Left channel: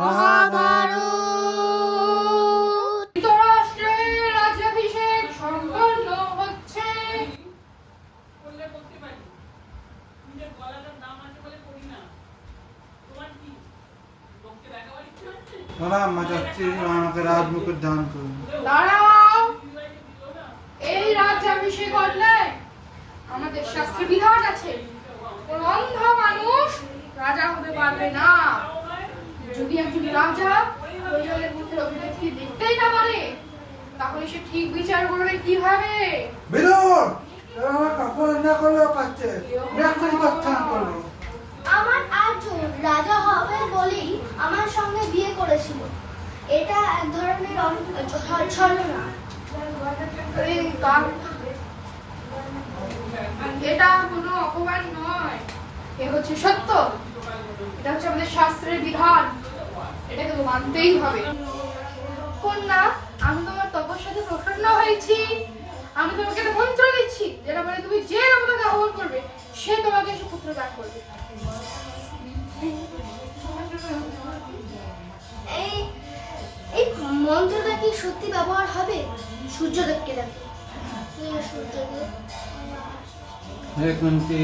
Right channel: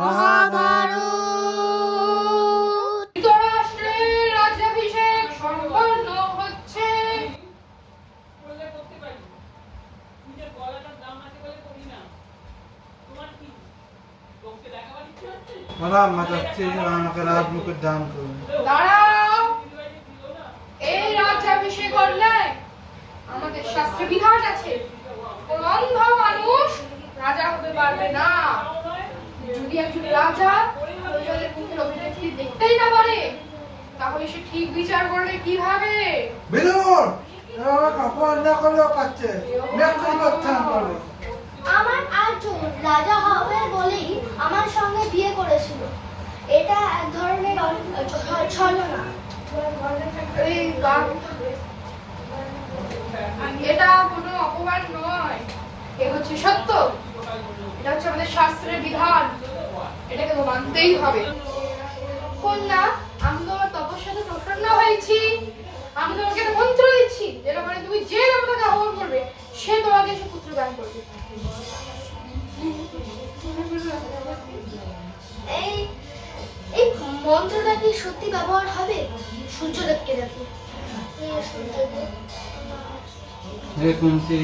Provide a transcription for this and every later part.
মহাভারত। ধৃতরাষ্ট্রের রাজ্যাভিষেক সম্পন্ন হচ্ছে। মা চাচ্ছি আমাকে রাজমুকুট দান করুন। দাঁড়াও, এই রাজ্যাভিষেক করলে আমাদের শাস্ত্রে বিধান আছে কোন অন্ধ মানুষ রাজা হতে পারবে না। যদি একজন রাজা প্রয়োজনের পুত্রের অভিনেত্রী দেখতেই না পারে তাহলে সে ঠিক বিচার করবে কিভাবে? বিরোধ আমার কাপড় না করলেও পাচ্ছে মেঘ করতে করবে। আমার আর্জুন রাজা হবে বলেই আমার সঙ্গে বিয়ে করেছিল। এটা এক ধরনের ছলনা। এই কাক- এটা কোনো অপমান নয়, এ হচ্ছে সত্য। এটা হচ্ছে আমাদের শাস্ত্রের বিধান, এটাকে তো মানতেই হবে। কন্যা, আমি তোমার তপস্যাতে প্রসন্ন হয়েছি। আমি তোমাকে একটা মন্ত্র দিচ্ছি, যেটা মানে তুমি যে দেবতাকে আহ্বান করবে সে তোমাকে সুপুত্র দান করবে। এই এই মন্ত্রটা কি সত্যি ব্যবহার হবে? সূর্যদেবকে দেখো। সূর্যদেব, হে কুন্তি,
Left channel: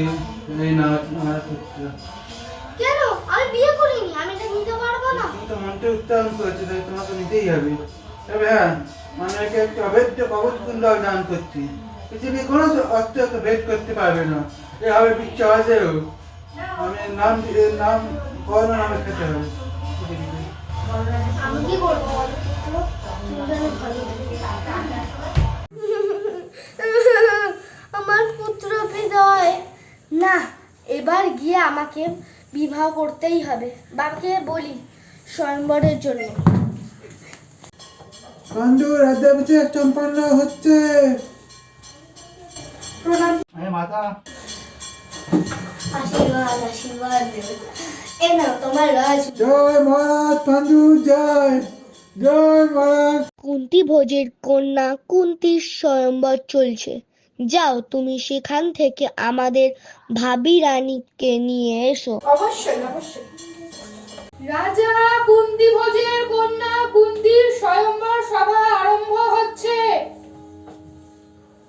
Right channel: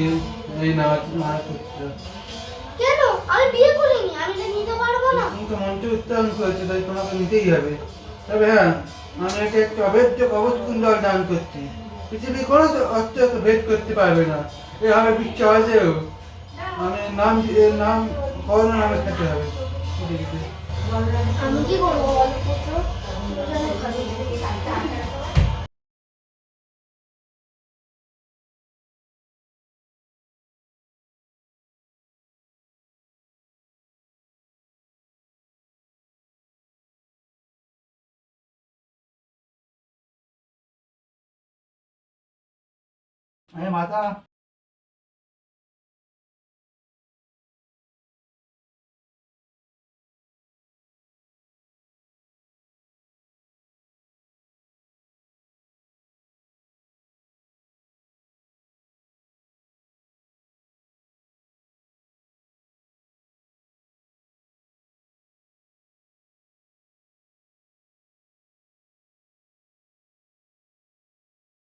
এই নারদ পুত্র। কেন? আমি বিয়ে করিনি, আমি এটা নিতে পারবো না। তুমি তো মন্ত্রে উচ্চারণ করেছো, তাই তোমাকে নিতেই হবে। তবে হ্যাঁ, আমি একে একটা অভেদ্য কবচ কুণ্ডল দান করছি। পৃথিবী কোনো অস্ত্র ভেদ করতে পারবে না। এভাবে বিশ্বাসেও আমি নাম করোনা নামে খেতে হবে। আমি কি করবো বল পুত্র? আমার পুত্র বিজয় না, এবার গিয়ে আমাকে বিবাহ করতেই হবে। বাবাকে বলি স্বয়ংবরের জন্য। পাণ্ডু রাজ্যাভিষেক সম্পন্ন হচ্ছে। প্রণাম। মাতা আশীর্বাদ আশীর্বাদ দেবে। এ নাও তোমার রাজ। জয় মহারাজ পাণ্ডু, জয় জয় মহারাজ। কুন্তী ভোজের কন্যা কুন্তীর স্বয়ংবর চলছে। যাও তুমি সেখান থেকে আমাদের ভাবি রানীকে নিয়ে এসো। অবশ্যই অবশ্যই। রাজা কুন্তী ভোজের কন্যা কুন্তীর স্বয়ংবর সভা আরম্ভ হচ্ছে।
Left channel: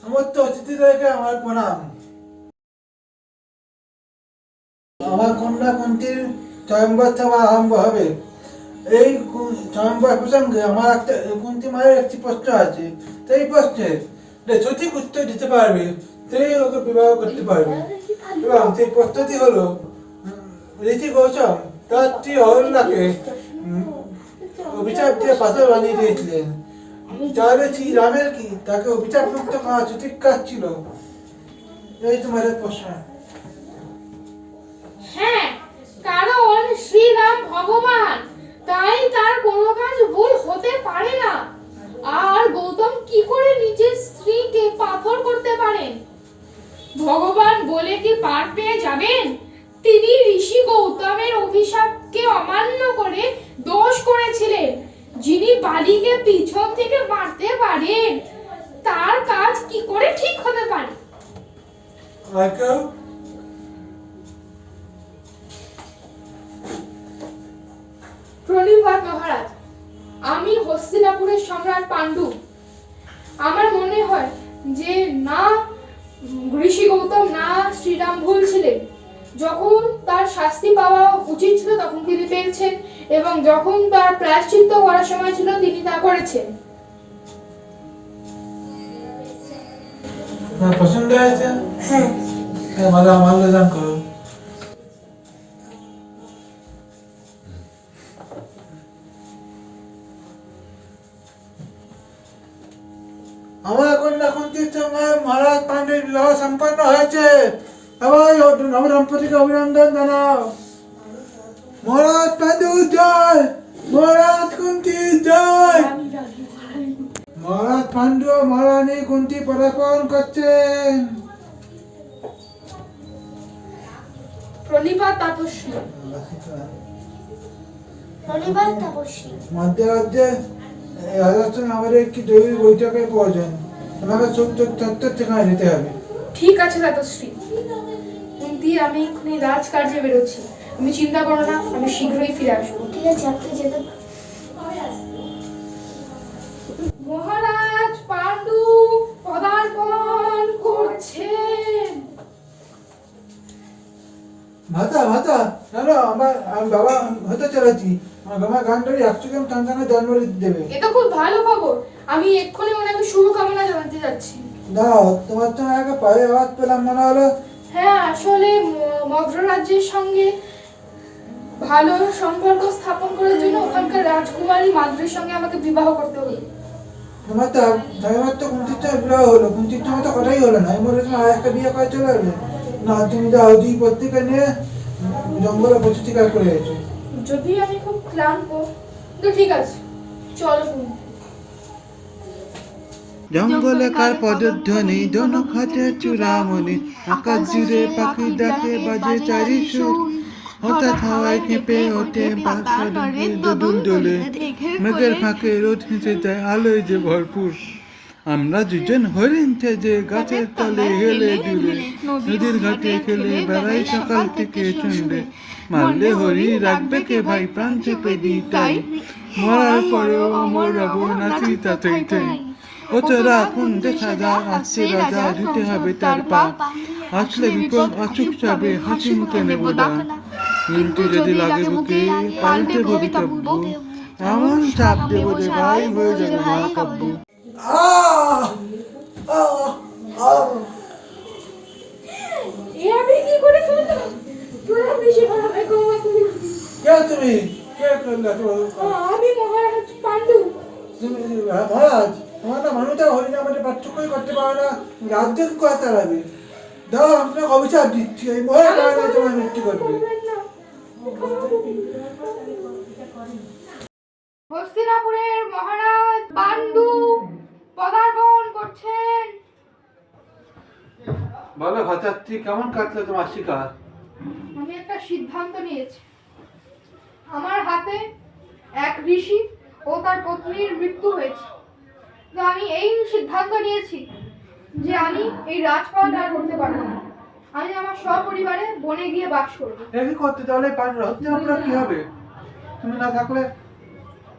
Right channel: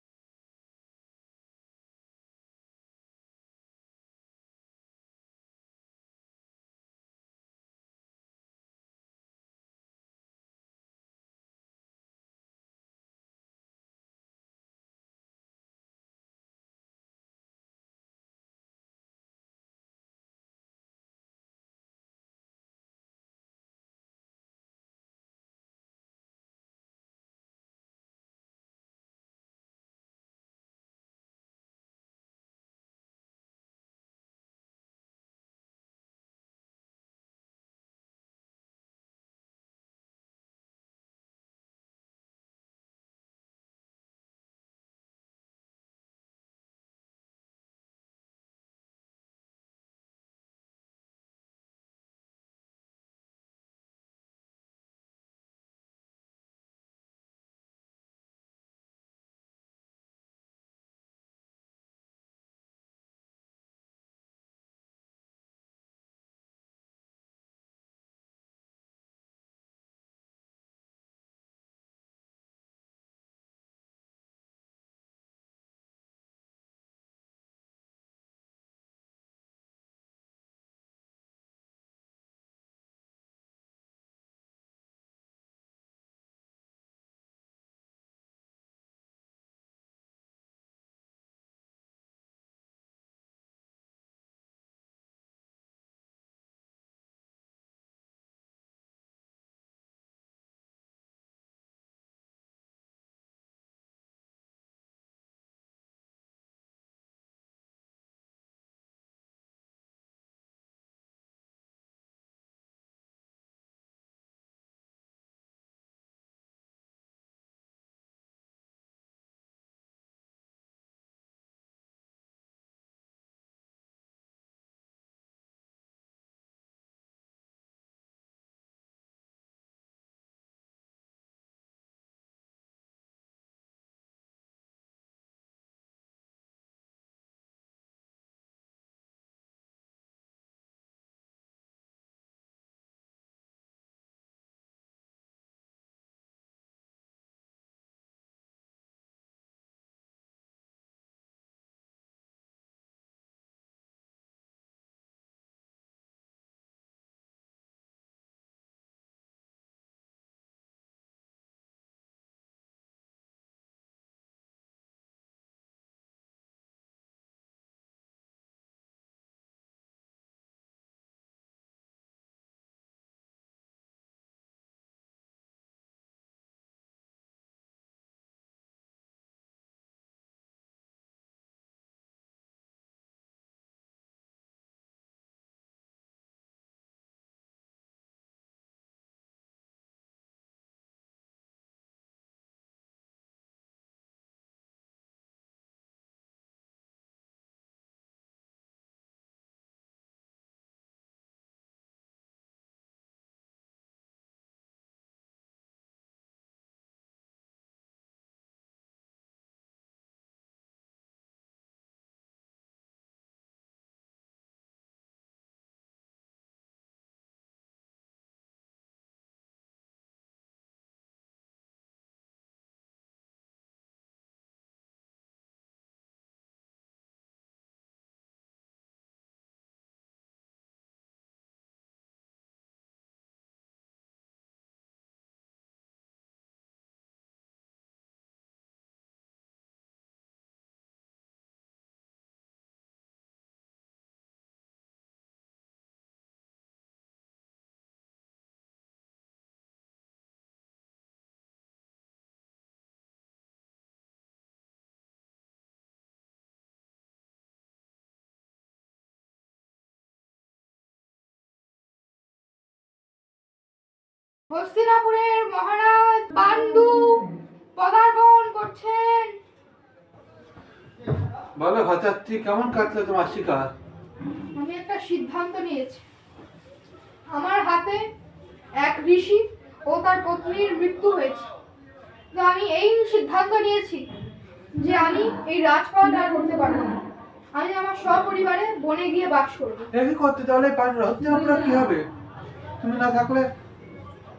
সমস্ত অতিথিদেরকে আমার প্রণাম। আমার কন্যা কুন্তীর স্বয়ংবর সভা আরম্ভ হবে। এই স্বয়ংবর প্রসঙ্গে আমার একটা কুন্তী মায়ের একটি প্রশ্ন আছে। সেই প্রশ্নে সঠিক উত্তর দিতে পারবে সেই ওকে বিবাহ করতে পারবে। এবং সেই প্রশ্নটি হলো, ঋষি গৌতম তার স্ত্রী অহল্যাকে অভিশাপ দিয়ে পাথর বানিয়ে দিয়েছিলেন। তাহলে শ্রী রামের কি তাকে অভিশাপ মুক্ত করা সঠিক কাজ ছিল? এই তোমাদের প্রশ্ন। হ্যাঁ, কারণ শ্রীরাম ভগবান, তাই তার কোনো কাজ ভুল হতে পারে না। আর গৌতম কি করে নিজের স্ত্রীকে পাথর করতে পারেন? ভগবান বলে কি পার পেয়ে যাবেন? তিনি ঋষি গৌতমের অভিশাপকে অমান্য করে দোষ করেছিলেন। যিনি বালিকে পিছন থেকে মারতে পারেন তার কাজ কি করে ঠিক হতে পারে? আর কেউ? প্রণিপাত মহারাজ, আমি হস্তিনাপুরের সম্রাট পাণ্ডু। আমার মনে হয় যে না ঋষি গৌতম না শ্রীরাম ভুল ছিলেন। যখন তার শাস্তি পাওয়া উচিত ছিল তখন তিনি পেয়েছেন, এবং যখন তার প্রায়শ্চিত্ত করার সময় ছিল তিনি তা করেছেন। পছন্দ হয়েছে? হ্যাঁ। মালা মাল্যদান করো। আমার কন্যা কুন্তীর সঙ্গে মহারাজ পাণ্ডুর বিবাহ সম্পন্ন হয়েছে। সবাই নবদম্পতিকে অভিনন্দন জানাও। মহারাজ পাণ্ডু জয়, মহারাজ কুন্তী জয়। মহারাজ পাণ্ডু ও মহারানী কুন্তী পদার্পণ করছেন। প্রণিপাত তাপস্বী। শনিবার তপস্বী। মধ্যরাজ্যে রাজার আমাদের একটি জরুরি বৈঠকের প্রয়োজন। আমাকে চত্বর ঠিকানা দিতে হবে। ঠিক আছে তাতশ্রী। কুন্তী, আমি এক্ষুনি রাজকার্যে বেরোচ্ছি। তুমি চিন্তা করো না, আমি শীঘ্রই ফিরে আসবো। ঠিক আছে, আপনি যেতে পারেন। মহারাজ পাণ্ডু পদার্পণ করছেন। ভাতা ভাতা জানো আমি বাবা হতে চলেছি। আমার বাবা গান্ডারি 100 জন সন্তানের জন্ম দেবে। এটা খুব ভালো খবর। আমি এক্ষুনি ওনাকে শুভকামনা জানাতে যাচ্ছি। দাও, তোমার তো আগে পায়ে আওয়াজ পেলাম মনে হলো। হ্যাঁ, আসলে মদ্র রাজ্যের সঙ্গে ভালো সম্পর্ক স্থাপন করার জন্য ওখানকার রাজকুমারী মাদ্রির সঙ্গে আমাকে বিবাহ করতে হলো। তোমার তো কুঞ্চিত বিবাহ হলো, কুঞ্চিত তো কথাই হলো না। আমি বলেছিলাম আর একটা বিয়ে করে চলে আসবে। না, তুমি যাও, দুই পত্রিকা নিয়ে জঙ্গলে প্রচুর শিকার করে গেছো। যদি আমি খুব ক্লান্ত, তো ঠিক আছে, চলো তুমি। জঙ্গলে কার পদধ্বনি, জনক হাতে চূড়ামণি, আকাশ জুড়ে পাখি ডাকে বাজে চারি সুর। হঠাৎ হাওয়ায় কেঁপে ওঠে বাতাসে দোদুল দোলে, মেঘের ফাঁকে রোদ হেসে যায় আলোয় যে ভরপুর। আমরা দুজন হরিণ যে গাছের তলে হেলে দুলে, নদীর ঘাটে খেলে বেড়াই সকাল থেকে সন্ধ্যে। মারলে হরি রাখবে কে ভাই, প্রাণ চেপে দিই তাই, মরার পরেও অমর রব নাচি তাতেই তাই। ও তোরা কোন দেখা যা, আসছে রাজা দিতে হবে তার পা, আসলে বিপদ অচুক যাবে, হাসি মুখে নেব দান। কিন্তু যদি লাগে বুকে পাল্টে ভবিতব্য, এমন চাপ দেব যে ভাই হয়ে যাবে মহাকাব্য। এ আমি কি করে ফেললাম? তোরা বেশি ভাবে গোমা তুমি। কে তুমি? কে করলে তো? আমি মহারাজ পাণ্ডু। তুমি মহারাজ, তোমার না মানুষটা হরিণ আমাদের পার্থক্যই করতে পারে না, রাজ্যের কথা লাগে। দাও, আপনাকে অভিশাপ দিচ্ছি, এই মহারাজ তোমার মৃত্যু করবে। হস্তিনাপুরের মহারাজ পাণ্ডু পদার্পণ করছেন। বলো ভদ্রাত্রী, কেমন কাটলো তোমার শিকার? আমি একটা সিদ্ধান্ত নিয়েছি। আমার হাতে এক ঋষি ও তার পত্নীর মৃত্যু হয়েছে। তো আমি এই সিদ্ধান্ত নিয়েছি যে আমি এই রাজপাট আর করতে পারবো না। আমি আমার সপরিবারে বনে গিয়ে বাস করবো। এই করতে তাহলে হস্তিনাপুরে কি হবে? তুমি না থাকলে?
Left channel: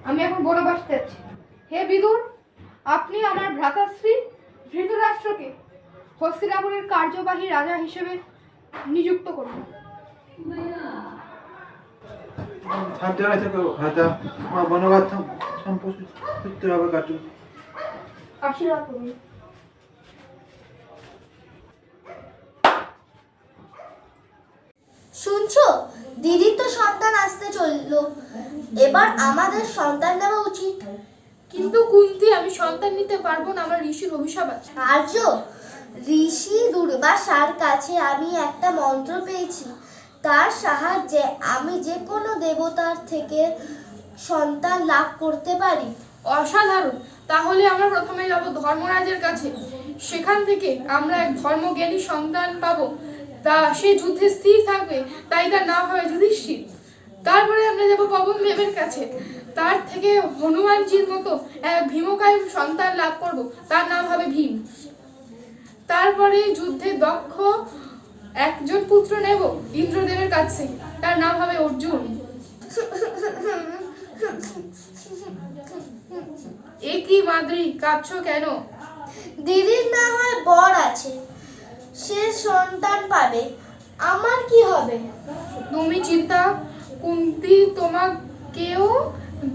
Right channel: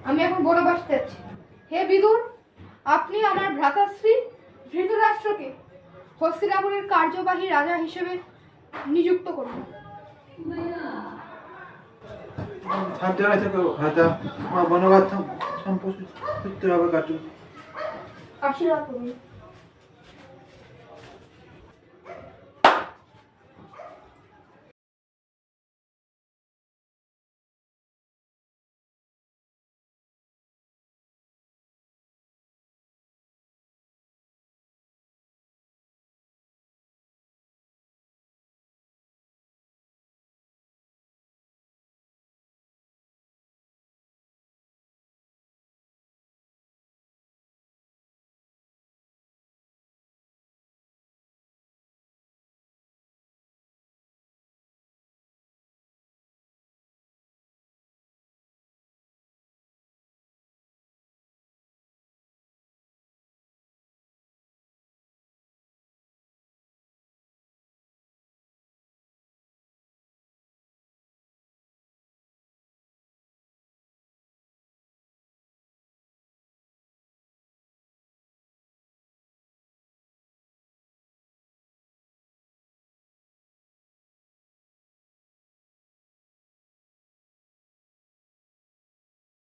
আমি এখন বনবাস যাচ্ছি। হে বিদুর, আপনি আমার ভ্রাতাশ্রী ধৃতরাষ্ট্রকে হস্তিনাপুরের কার্যবাহী রাজা হিসেবে নিযুক্ত করুন। সাবধানে থেকো ভাতা, আমার বনবাস সম্পূর্ণ হবে কাটুন। আশীর্বাদ করুন। শুনছো, দিদির তো সন্তান আসতে চললো, এবার আমাদের সন্তান নেওয়া উচিত। কিন্তু কুন্তি, আমি সন্তান নিতে পারবো না, আমার ঋষির অভিশাপ আছে। আর্য, ঋষি দুর্বাসার কাছে আমি একটা মন্ত্র পেয়েছি, তার সাহায্যে আমি যে কোনো দেবতার থেকে সন্তান লাভ করতে পারি। অসাধারণ। তাহলে আমরা প্রথমে যাব ধর্মরাজের কাছে। সেখান থেকে আমরা এক ধর্মজ্ঞানী সন্তান পাবো। তা সে যুদ্ধে স্থির থাকবে, তাই তার নাম হবে যুধিষ্ঠির। তারপরে আমরা যাব পবন দেবের কাছে। তার থেকে হনুমানজির মতো এক ভীমকায় সন্তান লাভ করব, তার নাম হবে ভীম। তারপরে যুদ্ধে দক্ষ একজন পুত্র নেব ইন্দ্রদেবের কাছে, তার নাম হবে অর্জুন। এ কি মাদ্রি, কাঁদছো কেন? দিদির না হয় বর আছে, সে সন্তান পাবে, আমার কি হবে? তুমি চিন্তা, কুন্তি তোমাকেও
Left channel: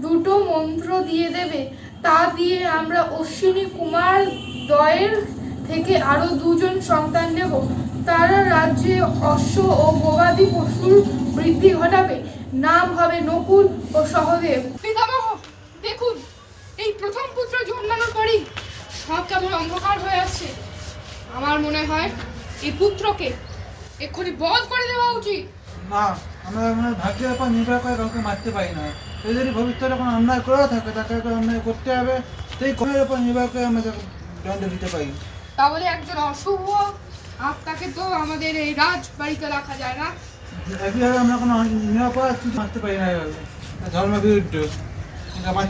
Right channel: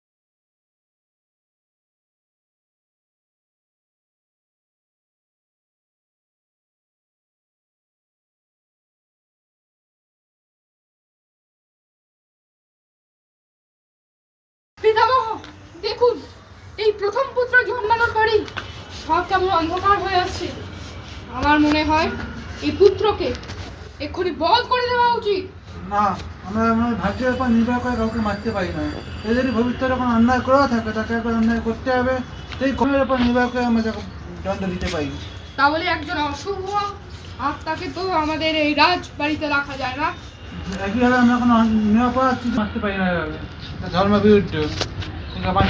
দুটো মন্ত্র দিয়ে দেবে। তা দিয়ে আমরা অশ্বিনী কুমার দ্বয়ের থেকে আরো 2 জন সন্তান নেব। তারা রাজ্যে অশ্ব ও গবাদি পশুর বৃদ্ধি ঘটাবে। নাম হবে নকুল ও সহদেব। পিতামহ, দেখুন, এই প্রথম পুত্র জন্মানোর পরেই সব কেমন অন্ধকার হয়ে আসছে। আমার মনে হয় এই পুত্রকে এক্ষুনি বধ করে দেওয়া উচিত। না, আমরা আমার ভাগ্যের উপর নির্ভর করে কাউকে মারতে পারি না। সে যদি ভবিষ্যতে কোনো অন্যায় করেও থাকে, তাকে একবার অন্যায় করতে হবে, সেই কমের উপর নির্ভর করে আমরা তাকে দণ্ড দিতে পারি। তাহলে একজন অশুভ আত্মাকে তো আমাদের এই রাজবাড়িতে রাখা যায় না। একইভাবে আমরা কোনো নিরাপরাধ মারতে পারি না, এভাবে ধর্ম বিরুদ্ধ।